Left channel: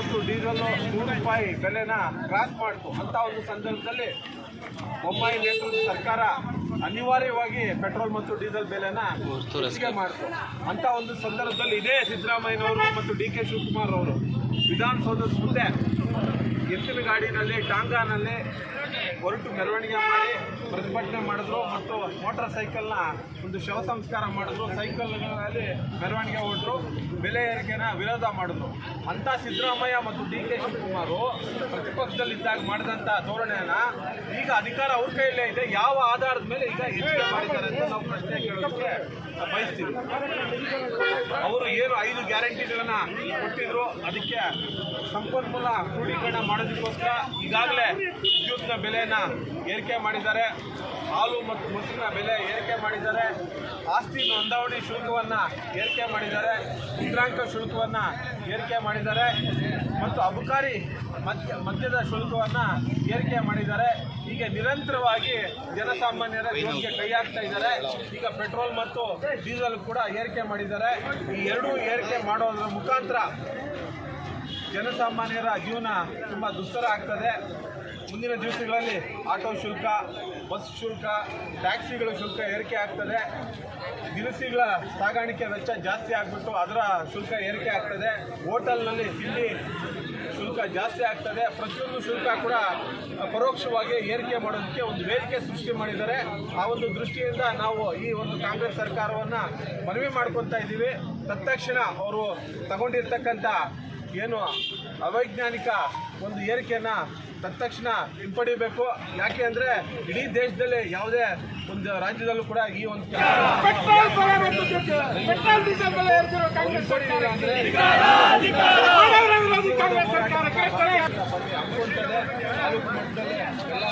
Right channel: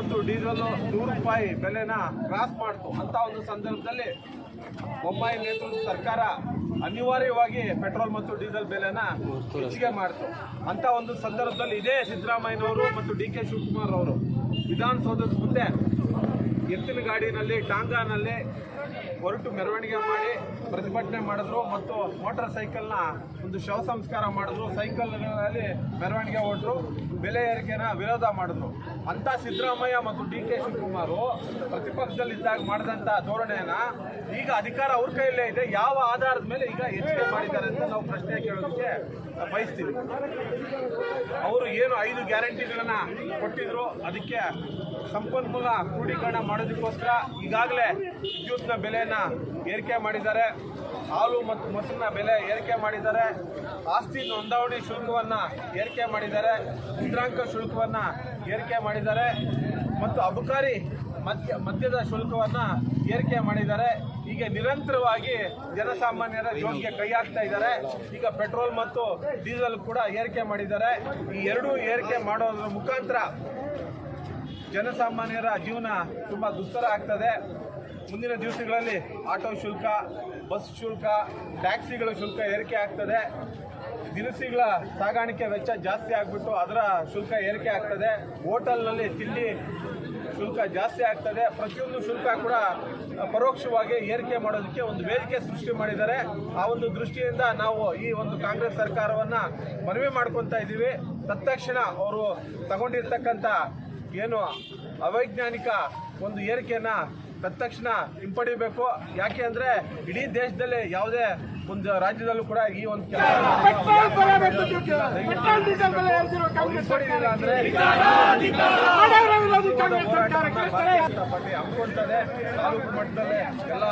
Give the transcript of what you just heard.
ಮತ್ತು ಡೀಸೆಲ್ ನೂರು ರೂಪಾಯಿ ಬೆಲೆನ ಕ್ರಾಸ್ ಮಾಡ್ತು. ಅಂತ ಒಂದು ಸಂದರ್ಭದಲ್ಲಿ ಬೊಮ್ಮಾಯಿ ನೇತೃತ್ವದ ಸರ್ಕಾರ ಅನಿವಾರ್ಯವಾಗಿ ಪೆಟ್ರೋಲ್ ಮತ್ತು ಡೀಸೆಲ್ ಬೆಲೆನ ಹೆಚ್ಚಿಗೆ ಮಾಡ್ತು. ಅಂತ ಒಂದು ಸಂದರ್ಭದಲ್ಲಿ ಇದೇ ಸಿದ್ದರಾಮಯ್ಯನವರು ಮತ್ತು ಡಿ ಕೆ ಶಿವಕುಮಾರ್ ಅವರು ವಿಧಾನಸೌಧದ ಮುಂದೆ ಎತ್ತಿನ ಗಾಡಿನಲ್ಲಿ, ಟಾಂಗಾನಲ್ಲಿ ಹೊರಟು ಮೆರವಣಿಗೆ ಮಾಡಿ ಪ್ರತಿಭಟನೆ ಮಾಡಿದ್ರು ಮತ್ತು ಮೋಟಾರ್ ಸೈಕಲ್ನ ಒಂದು ಶವ ಸಂಸ್ಕಾರ ಮಾಡಿದ್ರು. ಸೈಕಲ್ಗಳಲ್ಲಿ ಮೆರವಣಿಗೆ ಹೊರಟರು ಬೆಲೆ ಏರಿಕೆನ ವಿರೋಧ ಮಾಡಿದ್ರು. ಅಂತ ಸಿದ್ದರಾಮಯ್ಯ ಮತ್ತು ಡಿ ಕೆ ಶಿವಕುಮಾರು ಪ್ರತಿಪಕ್ಷದಲ್ಲಿದ್ದಾಗ ಮಾಡಿದಂಥ ಧೋರಣೆಯನ್ನ ಈಗ ಅಧಿಕಾರ ಅವ್ರ ಕೈಯಲ್ಲೇ ಇದೆ. ಯಾವ ಆಧಾರದ ಮೇಲೆ ಈಗ ಹೆಚ್ಚಿಗೆ ಮಾಡಿದ್ದಾರೆ ಅಂತ ನಾವು ಪ್ರಶ್ನೆ ಕೇಳೋದಕ್ಕೆ ಬಯಸ್ತೀವಿ. ಅವರು ಏನು ಐದು ಗ್ಯಾರಂಟಿಗಳನ್ನ ಕೊಟ್ಟಿದ್ರು? ಅದಕ್ಕೆ ಸಂಪನ್ಮೂಲ ಕ್ರೋಢೀಕರಣ ಮಾಡೋದಕ್ಕೋಸ್ಕರ ಈಗಾಗಲೇ ವಿದ್ಯುತ್ನ ಬೆಲೆಯನ್ನು ಏರಿಕೆ ಮಾಡಿದ್ದಾರೆ. ಹಾಲು ಮತ್ತು ಮೊಸರಿನ ಬೆಲೆ ಏರಿಕೆ ಮಾಡಿದ್ದಾರೆ. ಆಸ್ತಿ ನೋಂದಾವಣಿ ಶುಲ್ಕವನ್ನು ಏರಿಕೆ ಮಾಡಿದ್ದಾರೆ. ಮುದ್ರಾಂಕ ಶುಲ್ಕವನ್ನು ಏರಿಕೆ ಮಾಡಿದ್ದಾರೆ. ಮತ್ತು ಅಬಕಾರಿ ಮದ್ಯ, ಮದ್ಯದ ಶುಲ್ಕವನ್ನು ಏರಿಕೆ ಮಾಡಿದ್ದಾರೆ. ಹೀಗೆ ನಿರಂತರವಾಗಿ ಜನಸಾಮಾನ್ಯರ ಜೀವನಕ್ಕೆ ಕೈ ಹಾಕ್ತಾ ಇದ್ದಾರೆ. ಈಗ ಪೆಟ್ರೋಲ್ ಮತ್ತು ಡೀಸೆಲ್ ಕೂಡ ಏರಿಕೆ ಮಾಡಿದ್ದಾರೆ. ಈ ಎರಡೂ ಏರಿಕೆ ಮಾಡೋದ್ರ ಮುಖಾಂತರ ಜನಸಾಮಾನ್ಯರ ಜೀವನ ತುಂಬ ದುಸ್ತರ ಆಗ್ತದೆ. ಮುಂದಿನ ದಿವಸಗಳಲ್ಲಿ ಆಟೋ ಶುಲ್ಕ, ಬಸ್ ಶುಲ್ಕ, ಟ್ಯಾಕ್ಸಿಗಳ ಶುಲ್ಕ ಏರಿಕೆ ಆಗ್ತದೆ. ದಿನಸಿಗಳ ಸಾಗಾಣಿಕೆ ವೆಚ್ಚ ಜಾಸ್ತಿ ಆಗಿಬಿಟ್ಟು ಅದರ ಶುಲ್ಕ ಏರಿಕೆ ಆಗ್ತದೆ. ಹೋಟೆಲ್ನಲ್ಲಿ ತಿಂಡಿ ಶುಲ್ಕ ಜಾಸ್ತಿ ಆಗ್ತದೆ. ಪ್ರತಿಯೊಂದು ಶುಲ್ಕ ಕೂಡ ಪರೋಕ್ಷವಾಗಿ ಏರಿಕೆ ಮಾಡೋದಕ್ಕೆ ಒಂದು ವೇದಿಕೆ ಸೃಷ್ಟಿ ಮಾಡಿದ್ದಾರೆ. ಆ ಒಂದು ದೃಷ್ಟಿಯಿಂದ ನಾವು ಈ ಒಂದು ಕಾಂಗ್ರೆಸ್ ಸರ್ಕಾರವನ್ನು ಮನವಿ ಮಾಡ್ಕೊತಾ ಇದ್ದೀವಿ. ತತ್ಕ್ಷಣ ಅವರು ತಗೊಂಡಿರ್ತಕ್ಕಂಥ ಏನು ಅವೈಜ್ಞಾನಿಕ ಒಂದು ಏರಿಕೆಯನ್ನ ತತ್ಕ್ಷಣ ಹಿಂಪಡಿಬೇಕು ಯಾಕೆ ಅಂದರೆ ಇಡೀ ದೇಶದಲ್ಲಿ ಯಾವುದೇ ಒಂದು ರಾಜ್ಯದಲ್ಲೂ ಕೂಡ ಈ ಒಂದು ಹಿಂಪಡಿಲಿಲ್ಲ ಅಂದರೆ ಹಮ್ಮಿಕೊಳ್ತದೆ ತಾಲೂಕು ಮಟ್ಟದಲ್ಲಿ ಎಲ್ಲ